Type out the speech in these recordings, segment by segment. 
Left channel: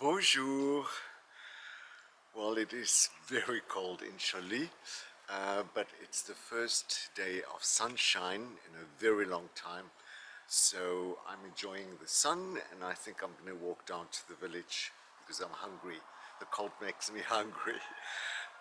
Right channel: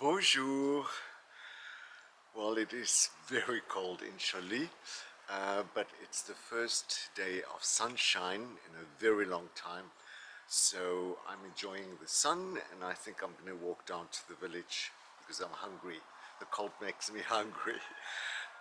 Bonjour. Well, it is very cold in Chile, but it's the first day of sunshine in a very long time. So I'm enjoying the sun, and I think I'm going to walk down to the village because I'm hungry. The cold makes me hungry.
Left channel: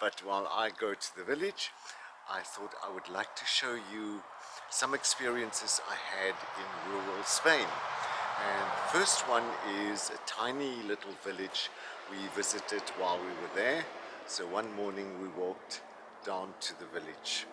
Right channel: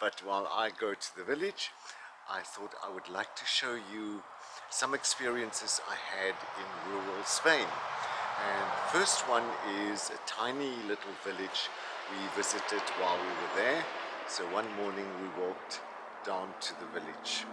But while I go to the village, I thought I would like to show you some experiences I had in rural Spain. And first one is a tiny little village we visited while we were there. So one morning we walked down to the village.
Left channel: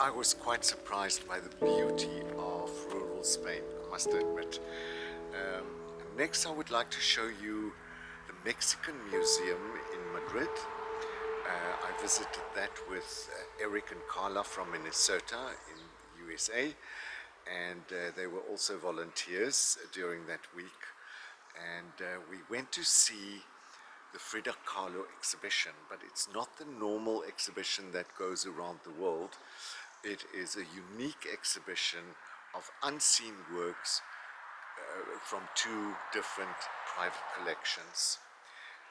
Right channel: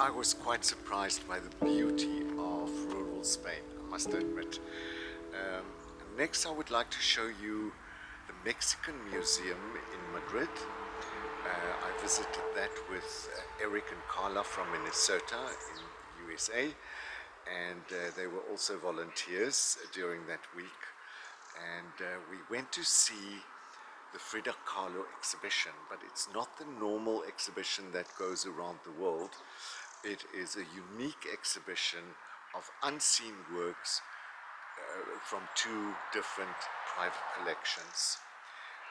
I was quite surprised by the beauty of rural Spain, I must admit. Um, Next, I would like to show you the Mexican Museum in Madrid. I visited that with Eric and Carla from Minnesota in USA, and they were also volunteers during that week. And we went to see the fridakahlo exhibition, but it's not the normal exhibition that goes around the world. It is a unique exhibition of unseen works from two different private collections.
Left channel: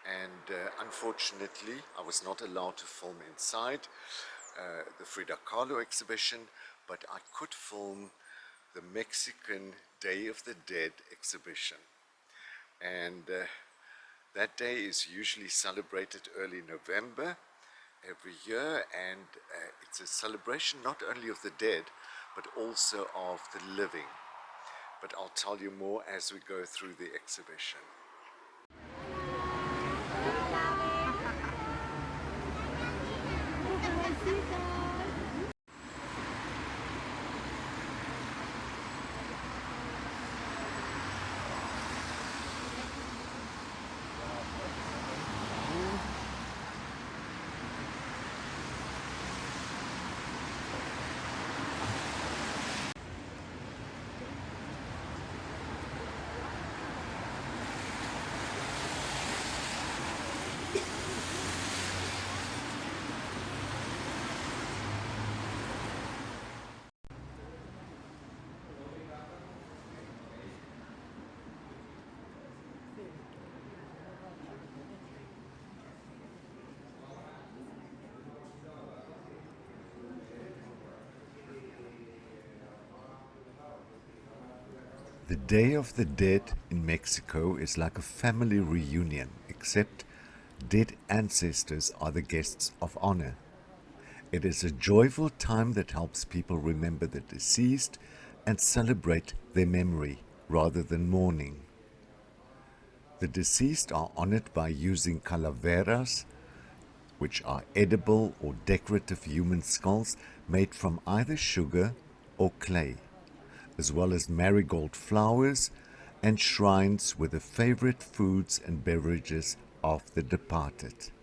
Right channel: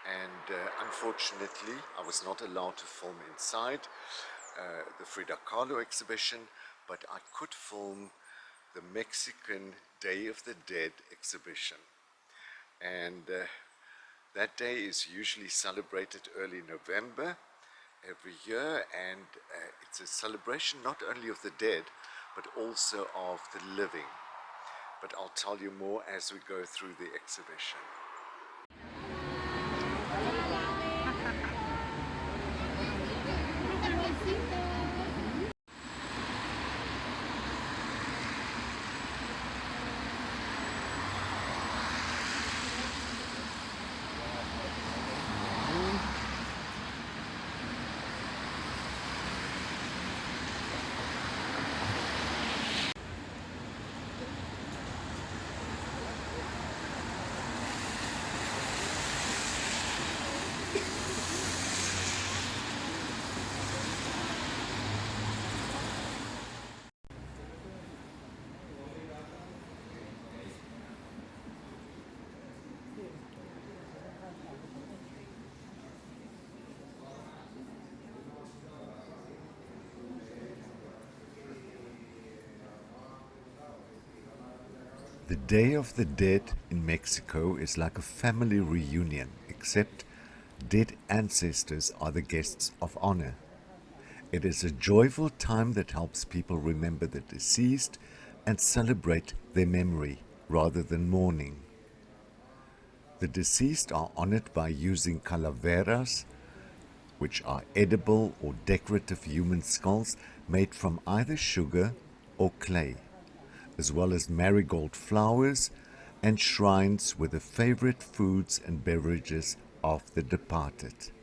And unfortunately, I was not allowed to film inside the Frida Kahlo exhibition, but I could film the Mexican Day of the Dead exhibition. And that day is usually celebrated early November every year, and it's a celebration not only of the dead, but also of the living. But I'll tell you more as we go through the exhibition. The Day of the Dead in Mexico is like a family reunion, except dead ancestors are the guests of honor. It is a joyful time that helps people remember the deceased and celebrate their memory rather than mourning. The deceased are honored by using calaveras, which are edible or decorative human skulls made from either sugar or clay, as well as marigold flowers and shrines with the favorite foods and beverages of the departed.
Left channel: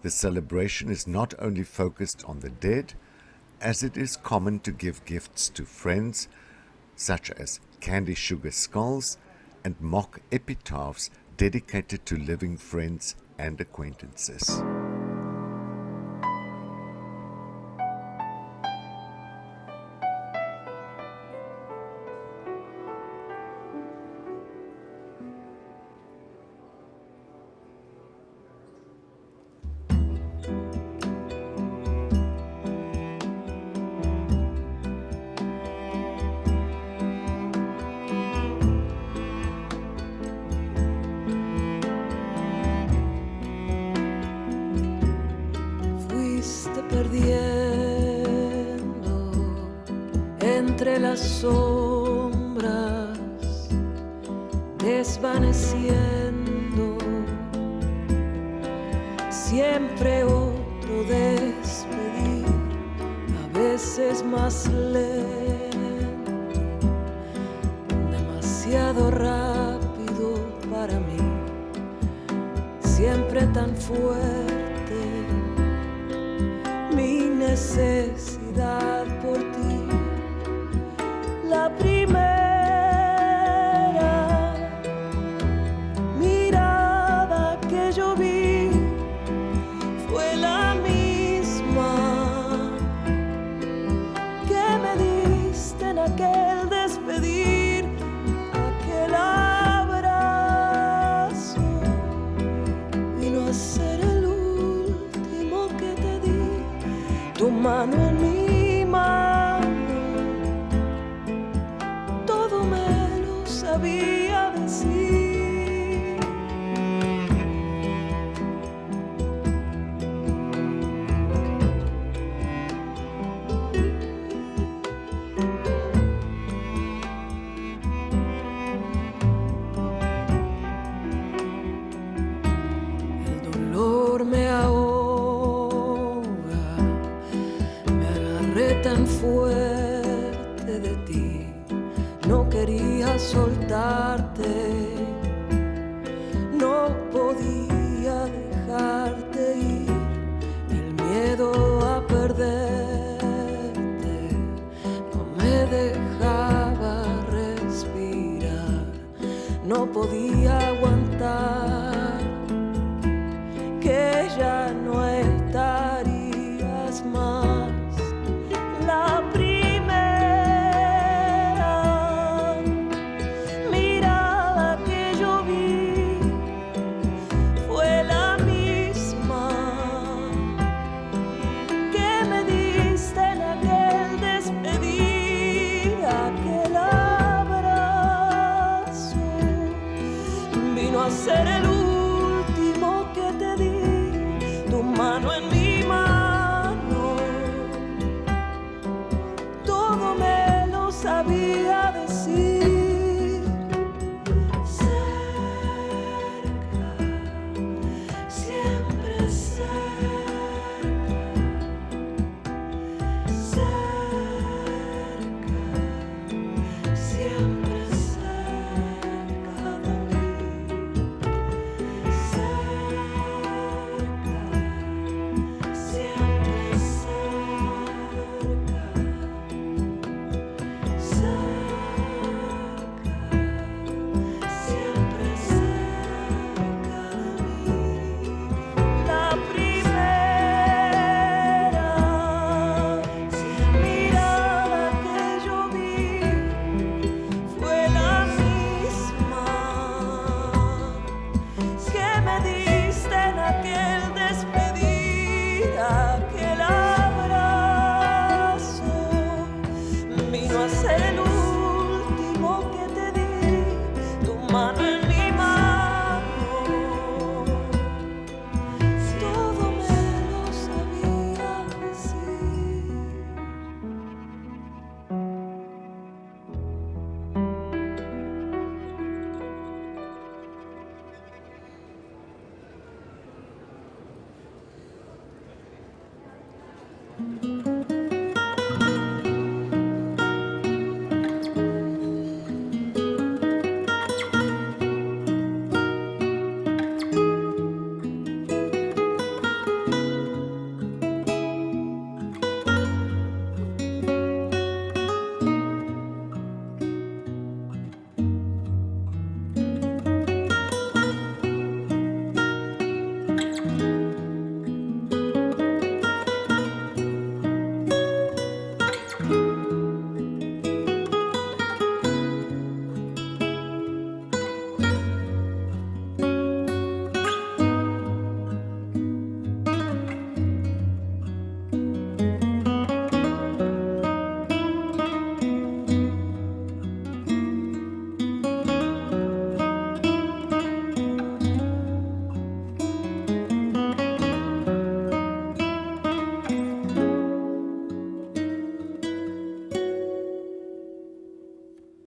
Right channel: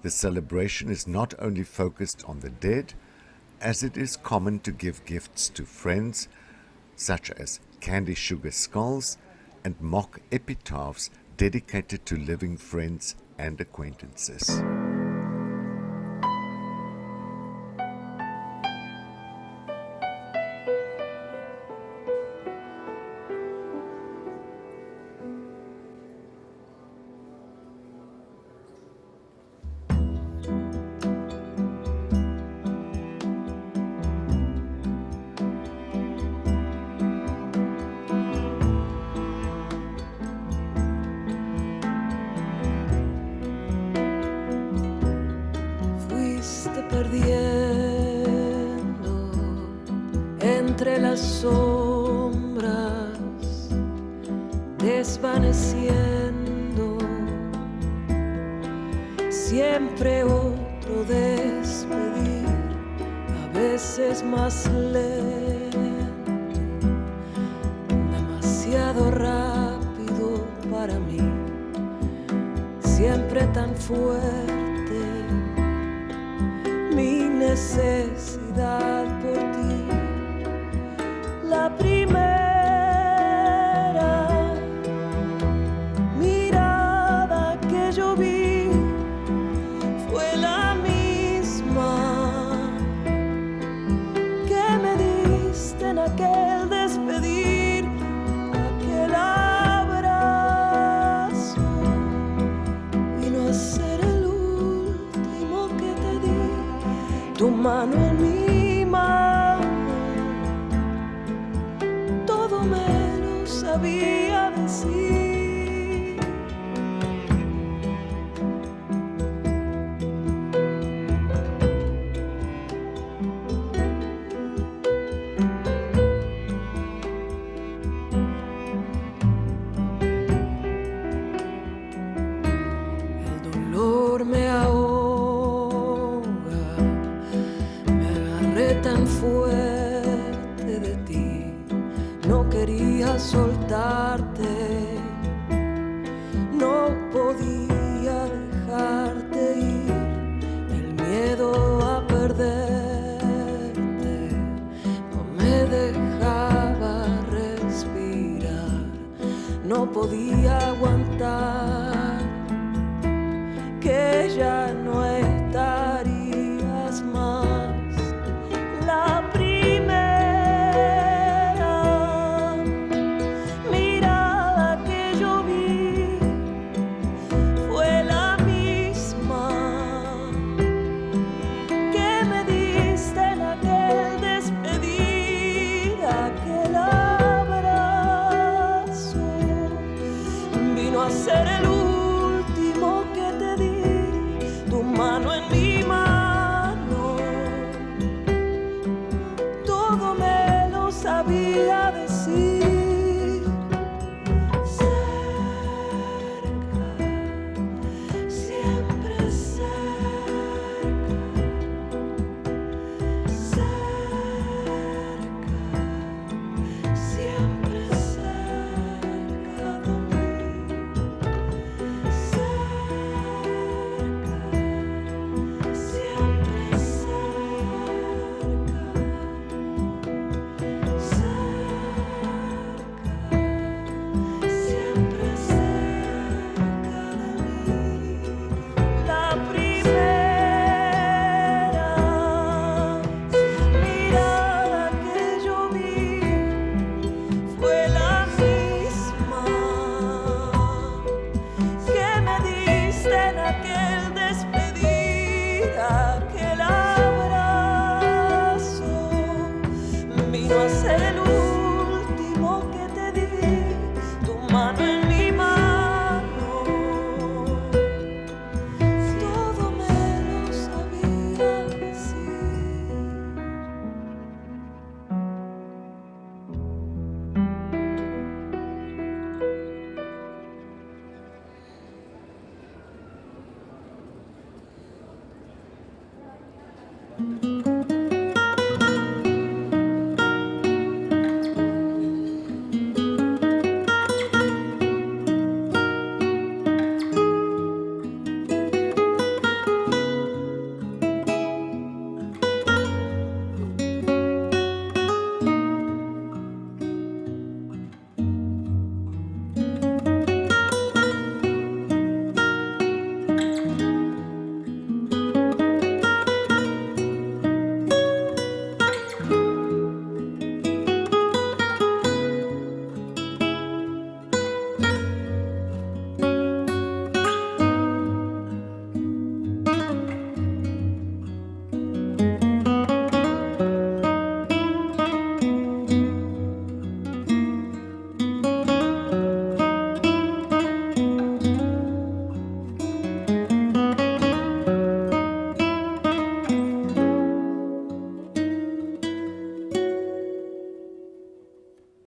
The celebration is not only focused on the dead, as it is common to give gifts to friends, such as candy sugar skulls and mock epitaphs dedicated to living friends and acquaintances. Perdiendo entre las sombras, desvaneciendo, siempre otro despedir, a veces más lento, demasiado rápido para mí, siempre tan fuerte. Mi necesidad por ti, la primera mirada que yo vi fue la misma que me diste en aquel despedir, aquel abrazo vino a ser el último que te di. Tu mano en mi mano, todo me lo sabía decir. El dolor me ahoga, no quería soltarte, no podía dejarte ir, el miedo a perderte no me dejaba respirar, no podía aguantar